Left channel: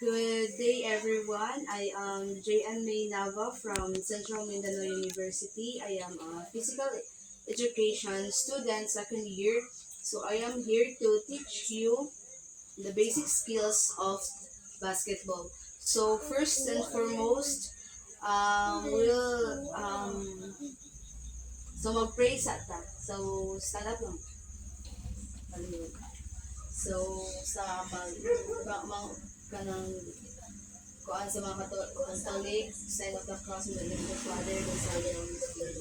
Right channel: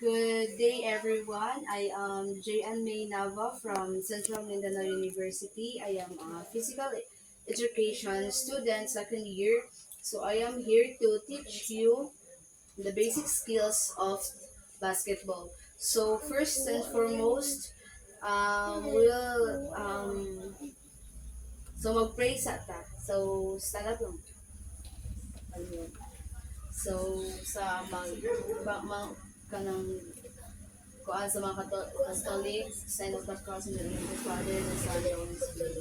Good day, everyone. I am J.N. May Nava from Central Mindanao University. I am a physical education student, second year. So I am here to teach you the basic skills of basketball. So first and foremost, we'll mag-pray sa ta. So stand up lang. Ano yun? So sa kanang kuan sa mga Catholic, sign of the cross in the name of the Father, the Son, and the Holy Spirit.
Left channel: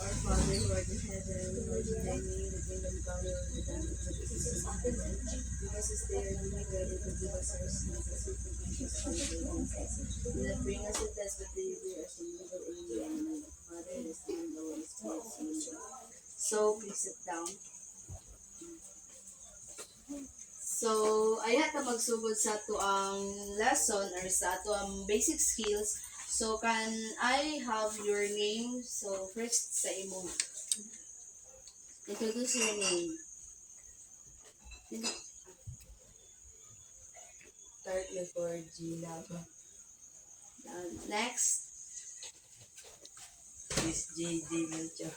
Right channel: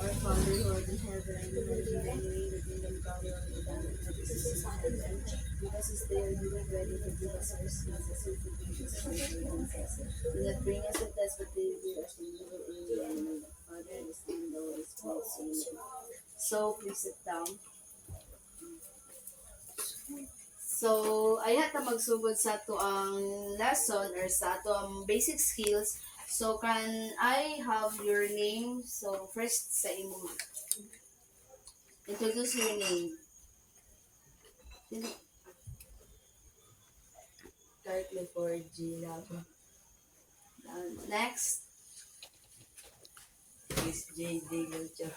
Our Father who art in heaven, hallowed be thy name, the kingdom come, your will be done on earth as it is in heaven. Give us this day our daily bread, and forgive us our sins, as we forgive those who sin against us. Do not bring us to test, but deliver us from evil. Amen. The Father, the Son, and the Holy Spirit. Amen. So, please sit down. So, ayan ta magsugod sa to ang lesson or sa to ang basic skills. So, can I have your name? So, first sa imo. Introduce your name. Start before Gina. Next. Miss J. Digancho.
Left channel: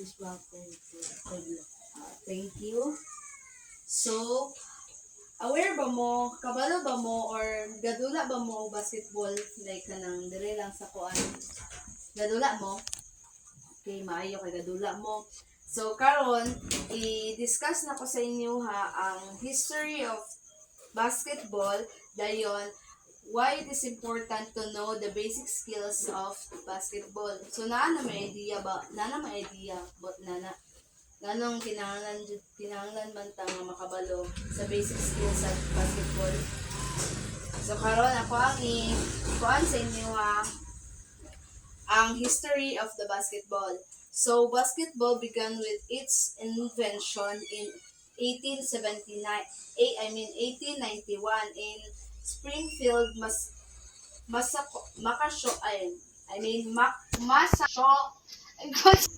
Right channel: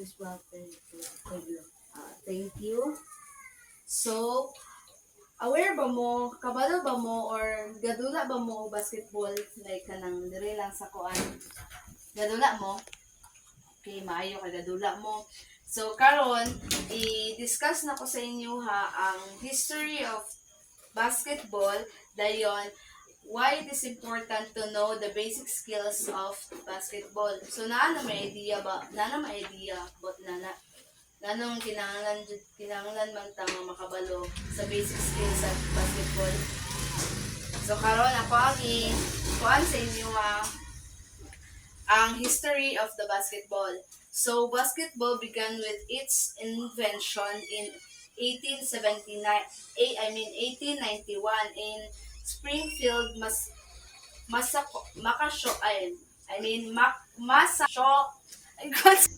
Miss Walter. Thank you. So, aware ba mo, kabalo ba mo, or gadula ba mo og basketball? Like, kanang dire lang sa kuan. Gadula mo? Okay, maayo ka gadula mo. So, karon i-discuss na ko sa inyo ha, ang history of basketball. Dayon, why it is important to know the basic skills of basketball. So, naano may idea ba? Nana may idea, but nana ganong kinahanglan man ta nga makabalo sa basic skills sa basketball. So karon ako ang kuan sa inyo ang history of the basketball. So basketball began with its invention in 1891 in Springfield, Massachusetts.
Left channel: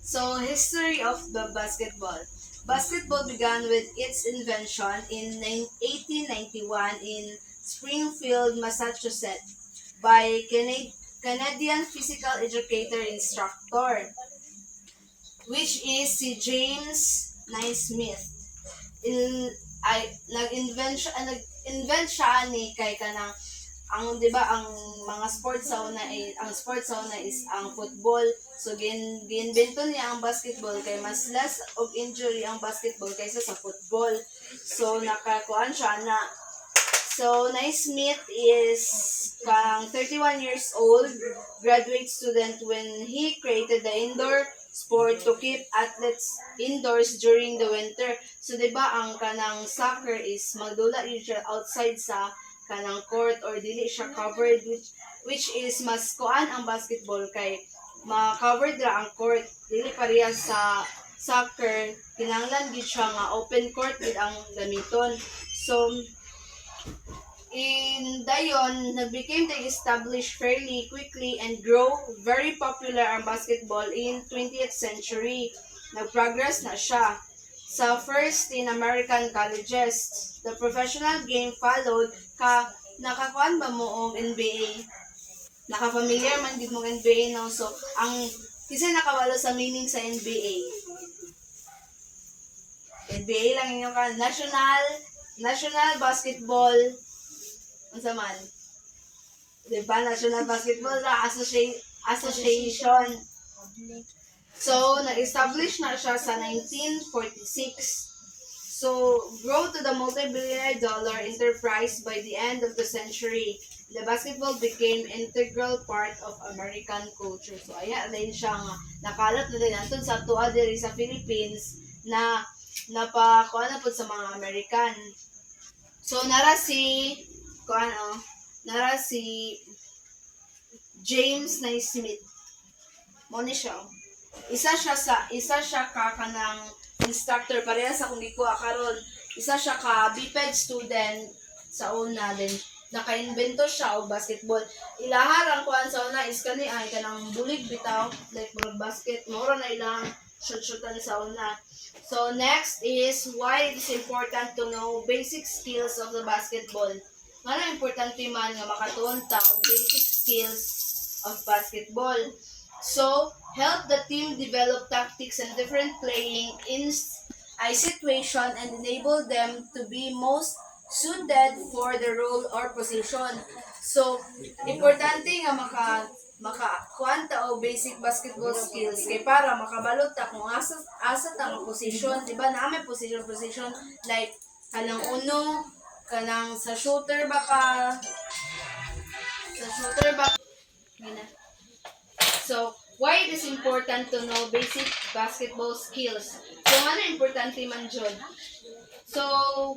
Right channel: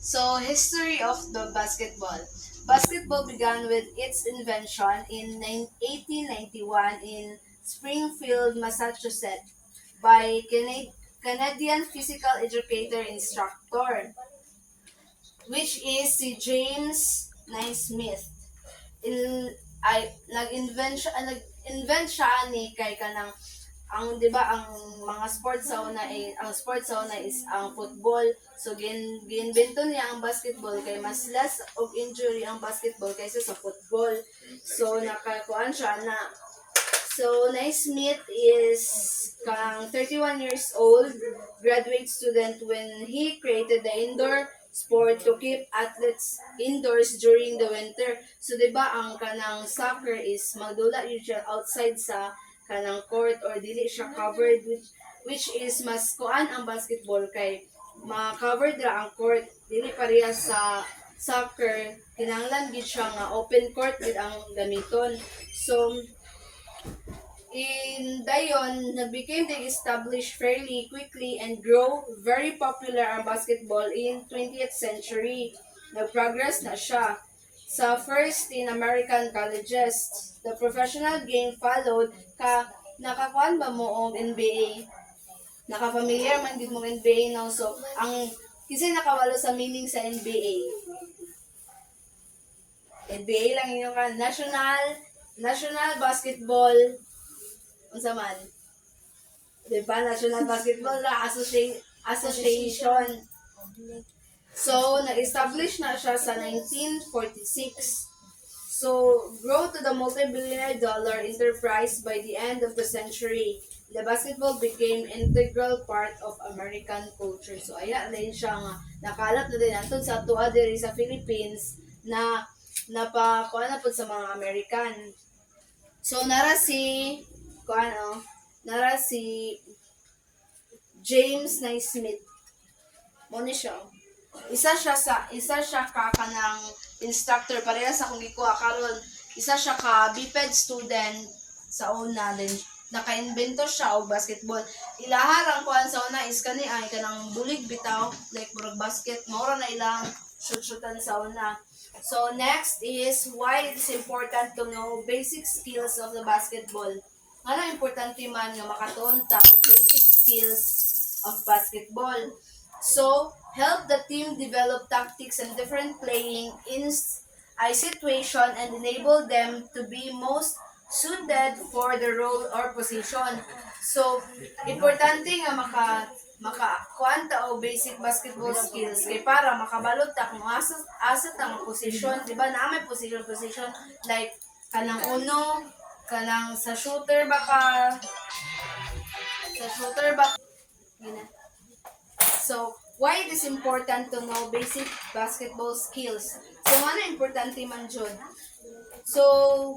So, history of the basketball. Basketball began with its invention in 1891 in Springfield, Massachusetts by Canadian physical educator instructor, which is si James Naismith. Nag-invent siya ni kay kanang ang 'di ba ang mga sports sa una is ang football. So ginbento niya ang basketball kay mas less og injury ang basketball kaysa sa football. So nakakuan siya na. So Naismith is 31 years old, graduate student when he created the indoor sport to keep athletes indoors during the winter. So 'di ba ang kanang soccer is magdula yun siya outside sa kanang court or dili siya covered, which is mas kuan ang basketball kay ma-covered ra ang court, dili pareha sa soccer kinahanglan gid siya nga open court gid ang gamiton. So in dayon became the established fairly quickly and grow very popular ang basketball in 20th century. Nag-progress na siya sa first in American colleges. The professional game followed. Nakakuan ba mo og NBA? Nakafamiliar man gid mo NBA, no? So ang kasi nakabalo sa meaning sa NBA. NBA lang inyo ka National Basketball unsa man? Diba? National Basketball Association. So, na-establish na siya sa 1946. So, grow to the multi-billion dollar enterprise by the end of the century. The basketball became integral part of American culture. So, ayan din siya nga nakalat na din natud sa tuwa diri sa Philippines na napakuha na po sa mga American. So, nara si James Naismith. Mo ni siya. Isa siya ka kanang instructor pareha sa kung gikuha karon. Isa siya ka BPED student sa una din. Naka-invento siya og basketball. Ilaharang kuan sa una is kani ay kanang bulig bitaw like murag basket. Mao na ilang shoot-shootan sa una. So next is why it is important to know basic skills of the basketball. Nga importante man nga makatonta og basic skills of basketball. So, help the team develop tactics and different playing in a situation and enable them to be most suited for the role or position. So, importante nga makakuanta o basic basketball skills kay para makabalot ta kung asa ta nga position, di ba? Na may position like kanang uno, kanang sa shooter ba Gina. So, why it is important to know basic basketball skills? So, ano importante man jud? So,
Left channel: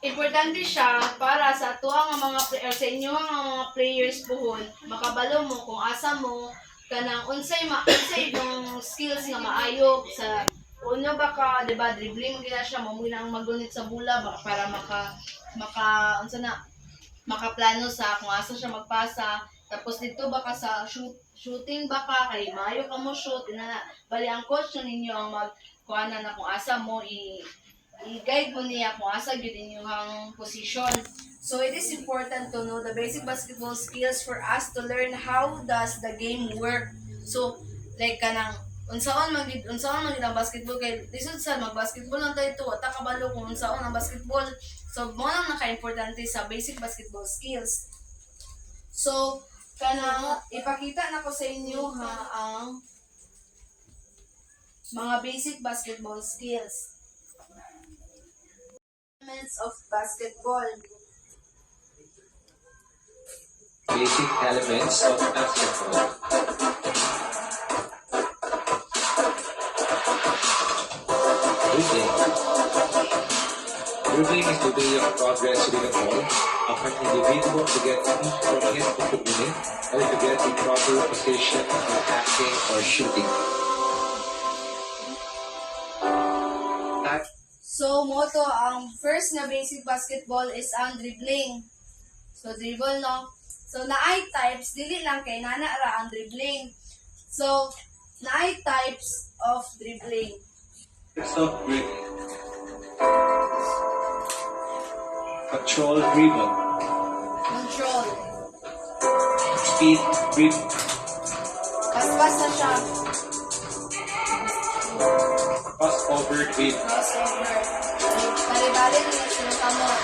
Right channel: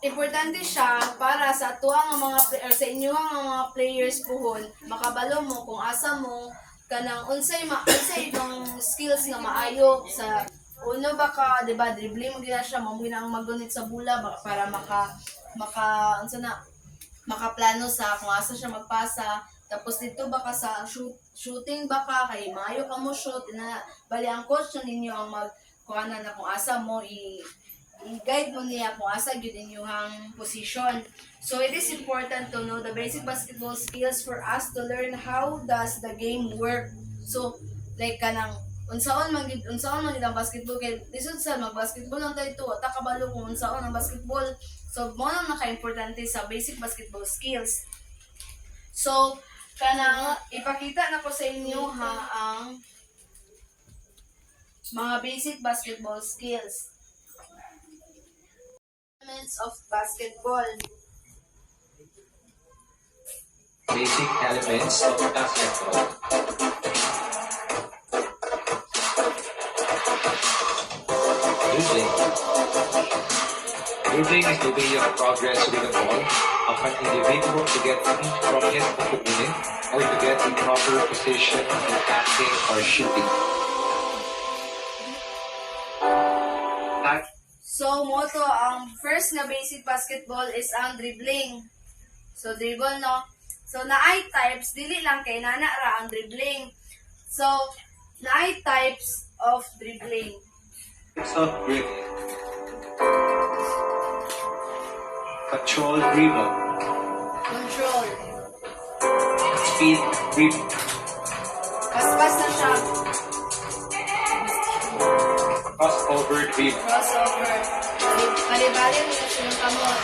importante siya para sa tuwa nga mga sa inyo nga mga players puhon, makabalo mo kung asa mo kanang unsay yung skills nga maayo sa uno ba ka, 'di ba, dribbling mo gina siya, mo gina ang magunit sa bola baka para unsa na makaplano sa kung asa siya magpasa. Tapos dito baka sa shooting baka kay maayo ka mo shoot na bali ang coach ninyo ang magkuana na kung asa mo i-guide mo niya kung asa gyud inyong position. So it is important to know the basic basketball skills for us to learn how does the game work. So like kanang unsaon man ang basketball kay lisod sa mag-basketball lang tayo ito ta kabalo kung unsaon ang basketball. So mo nang naka-importante sa basic basketball skills. So kanang ipakita na ko sa inyo ha ang mga basic basketball skills. Elements of basketball. Basic elements of basketball. Dribbling. Dribbling is the way of progress with the ball of an individual to get in from his opponent and to get in proper position in passing or shooting. So, moto, ang first na basic basketball is ang dribbling. So, dribble, no? So, naay types, dili lang kay nanara ang dribbling. So, naay types of dribbling. Of dribbling. Control dribble. Control. Speed dribble. Paspas na siya. Crossover dribble. Crossover. Kalibali mo na siya ng kamot.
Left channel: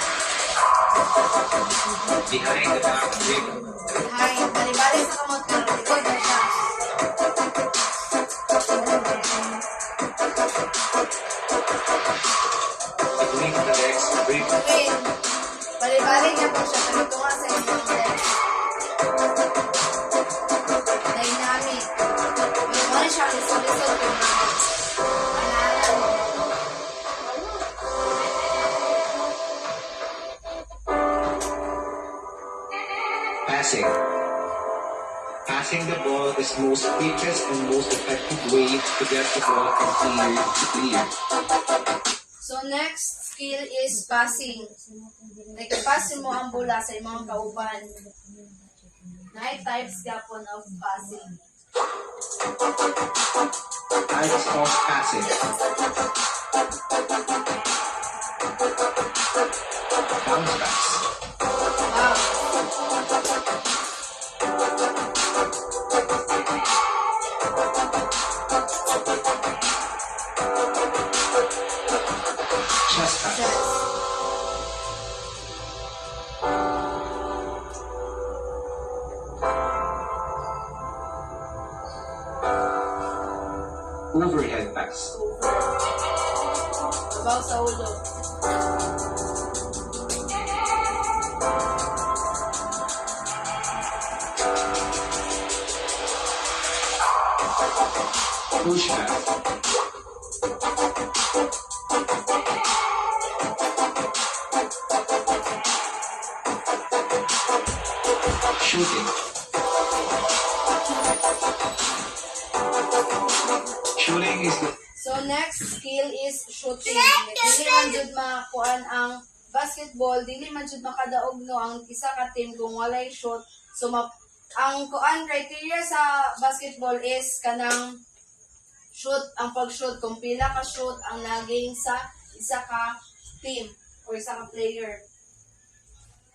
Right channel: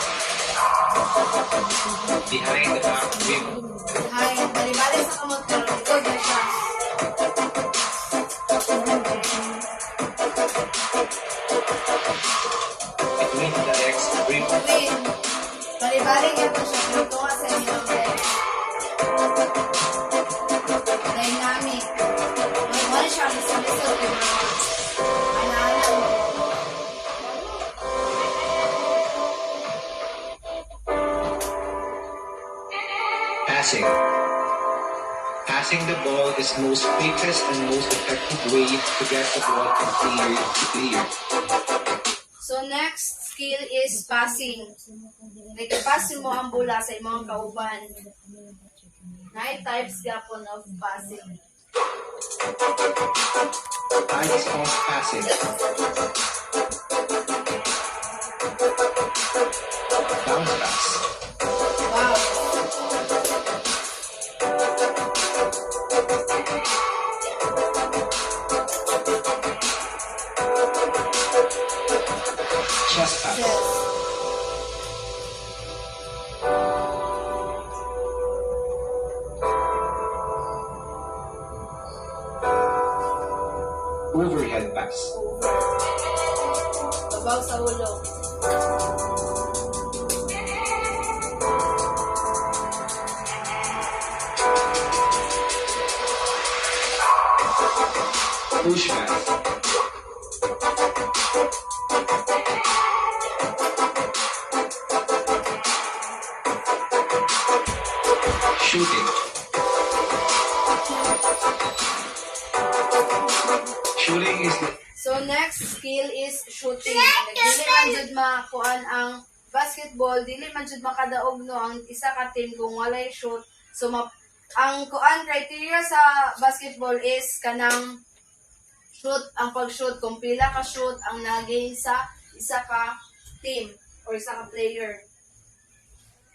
Behind the back dribble. Kalibali sa kamot, pero likod na siya. Between the legs dribble. Win. Kalibali niya po siya, pero tunga sa inyo. Dynamic. Pero mo na siya, lisod-lisod. Alalan mo. Passing. Passing the ball is the most quickest and most effective way to get the ball from player to player. So next skill is passing. Like pass mo ang bola sa imong kauban. Nine types yapon of passing. Types of passing. Bounce pass. Wow. Chest pass. Yes. Overhead pass. Babaw sa ulo. Push pass. Shooting. Shooting is the So next skill is shooting. Dili man jud makuan ang basketball, dili man jud makadaog no ang isa ka team kung walay shot. So ang kuan criteria sa basketball is kanang shoot, ang pag-shoot, kung pila ka shoot ang naging sa isa ka team or isa ka player.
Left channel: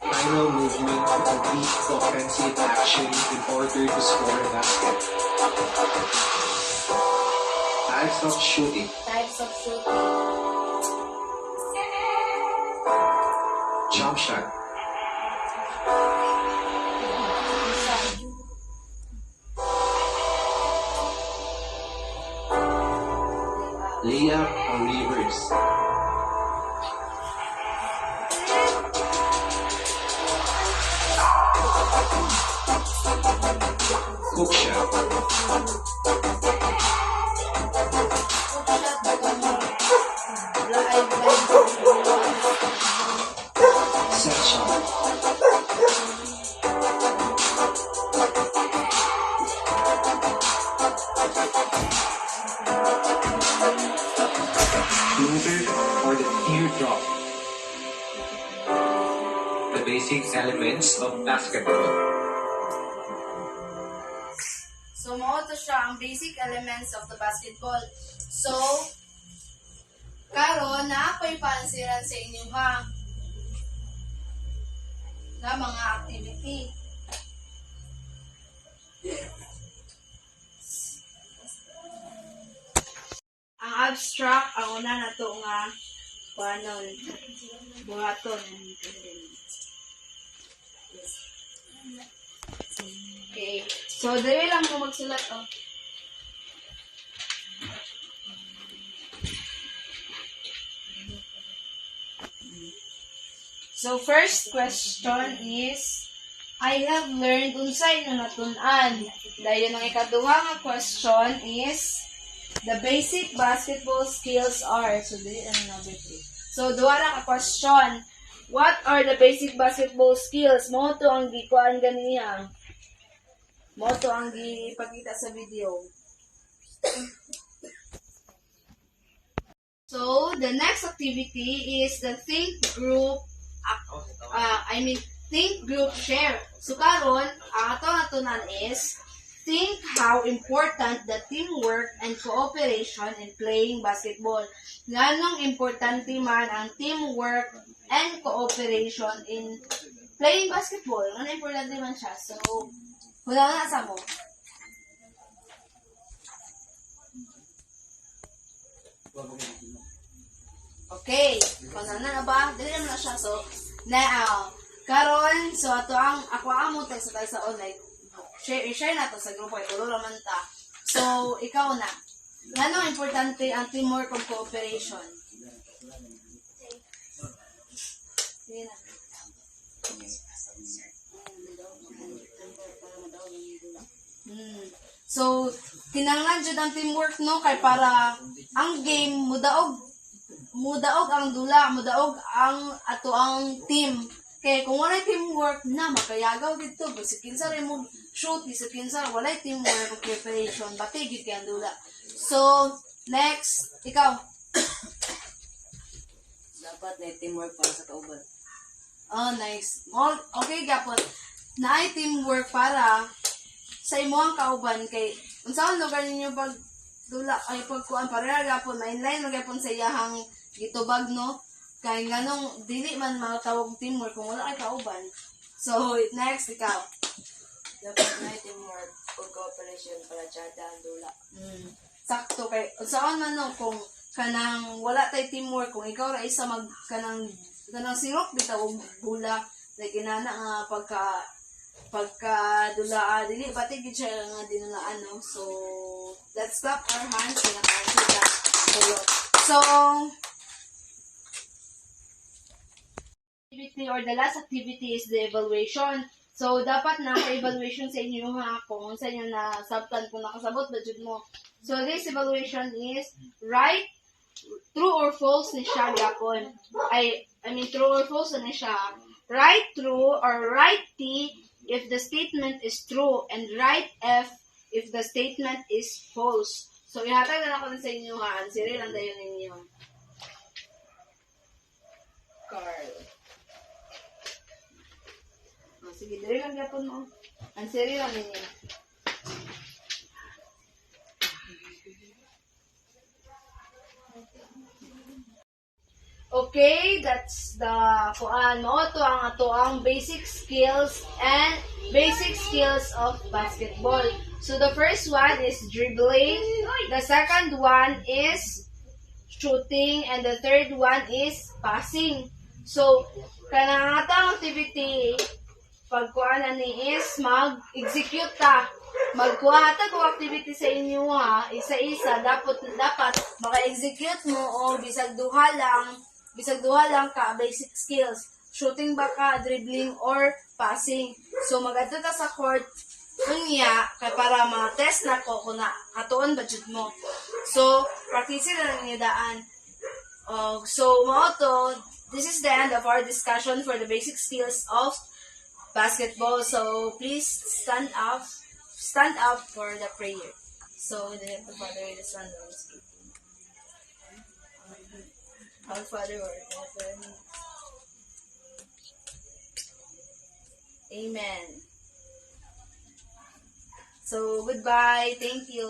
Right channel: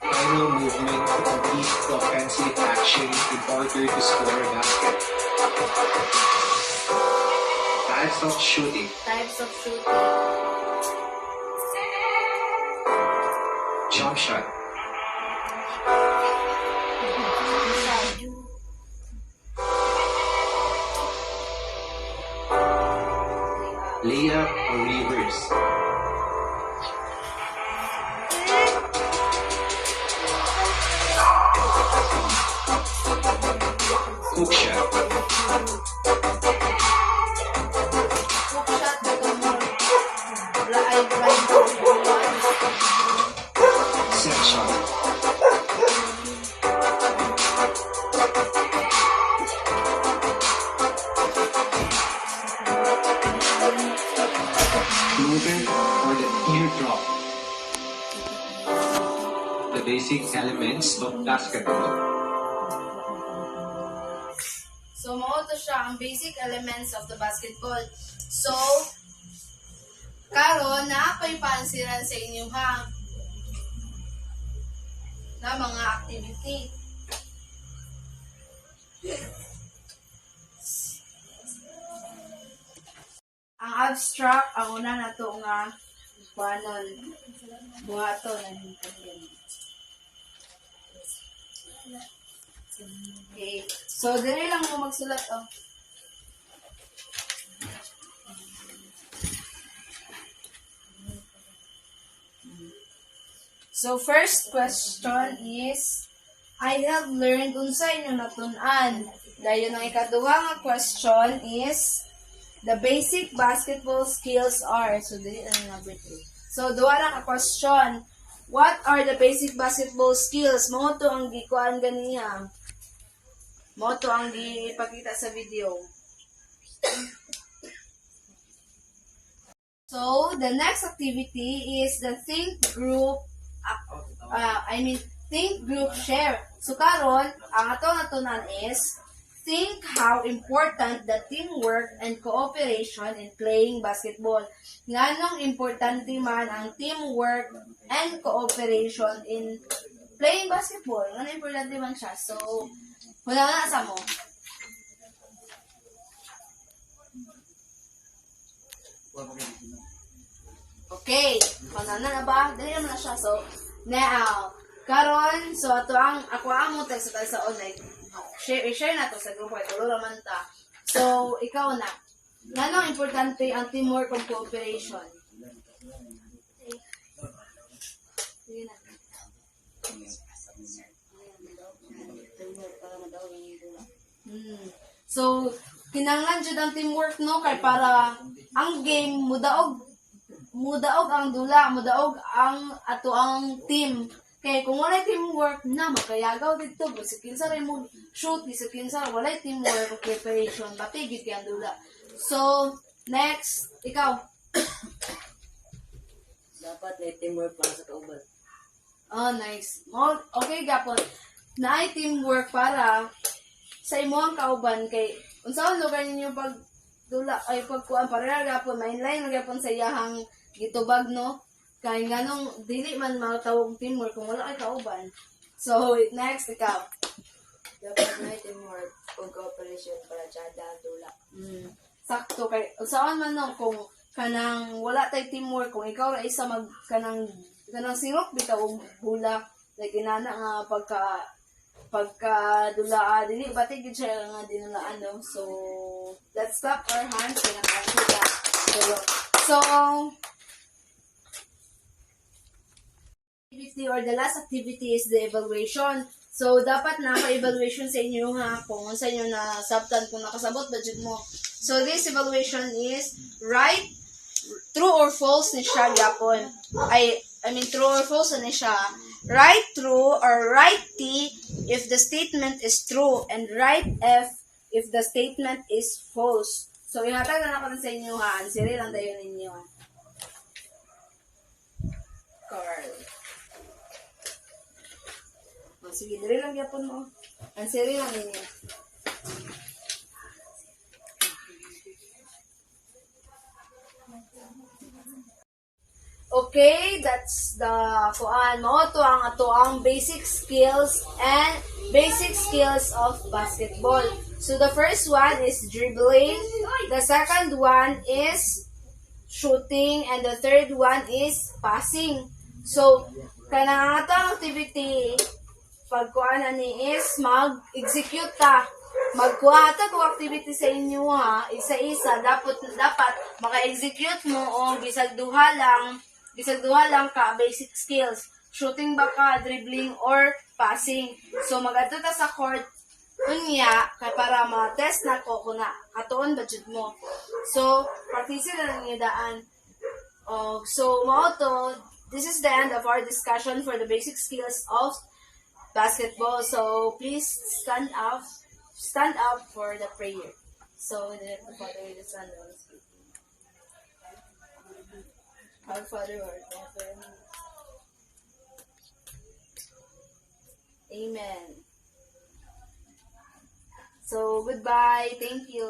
Final movement to complete the offensive action in order to score a basket. Types of shooting. Types of shooting. Jump shot. Layup or reverse. Hook shot. Set shot. Floater or the teardrop. The basic elements of basketball. So, mo to siya ang basic elements of the basketball. So, karon na pa'y pansiran sa inyo ha na mga activity. Ang abstract, ang una na to nga kuanon buhato na okay. So, dali lang mo magsulat, oh. So, first question is, I have learned unsay inyong natun-an. Dayon ang ikaduha nga question is, the basic basketball skills are. So, dili ano na bit. So, duha ra ka question. What are the basic basketball skills? Mo to ang gikuan ganiya. Mo to ang gipakita sa video. So, the next activity is the think group think group share. So, karon ang atong natunan is think how important the teamwork and cooperation in playing basketball. Nganong importante man ang teamwork and cooperation in playing basketball? Nganong importante man siya? So, wala na sa mo. Okay. Kung na ba? Dali naman na siya. So, now, karon, so ato ang, ako amo text sa online. Share na to sa grupo. Ito naman ta. So, ikaw na. Nganong importante ang teamwork and cooperation? Sige na. So, tinanglan jud ang teamwork no kay para ang game mudaog ang dula, mudaog ang ato ang team. Kay kung walay teamwork na makayagaw dito, bisag kinsa rin mo shoot, bisag kinsa walay teamwork o preparation, bati gid kay ang dula. So, next, ikaw. Dapat na teamwork para sa kauban. Oh, nice. Oh, okay, gapon. Naay teamwork para sa imuhang kauban kay unsaon lugar ninyo pag dula ay pagkuan para gapon mainline na gapon sa iyahang gitubag no kay nganong dili man makatawag teamwork kung wala kay kauban. So next ikaw. Dapat na teamwork kung cooperation para tsada ang dula. Sakto kay unsaon man no kung kanang wala tay teamwork kung ikaw ra isa mag kanang sirok bitaw og bula like inana nga pagka dula dili bati gid siya nga dinulaan no. So let's clap our hands and nakakita. So activity or the last activity is the evaluation. So dapat naka-evaluation sa inyo ha kung sa inyo na sabtan kung nakasabot budget mo. So this evaluation is right, true or false ni siya gapon. I mean true or false ni siya. Write true or write T if the statement is true and write F if the statement is false. So, ihatag na ako sa inyo ha. Answer lang tayo ninyo. Carl. Oh, sige, dali lang yapon mo. Answer lang ninyo. okay, that's the kuan mo to ang ato ang basic skills of basketball. So the first one is dribbling, the second one is shooting, and the third one is passing. So kanang atong activity pagkuan ani is mag-execute ta. Magkuha ta ko activity sa inyo ha, isa-isa dapat maka-execute mo o bisag duha lang ka basic skills. Shooting ba ka, dribbling or passing. So magadto ta sa court unya kay para ma-test na ko kung na katuon ba jud mo. So practice na ninyo daan. So mao to, this is the end of our discussion for the basic skills of basketball. So please stand up for the prayer. So we need to Father the Son and the Spirit. Our Father, who art in heaven. Amen. So goodbye. Thank you.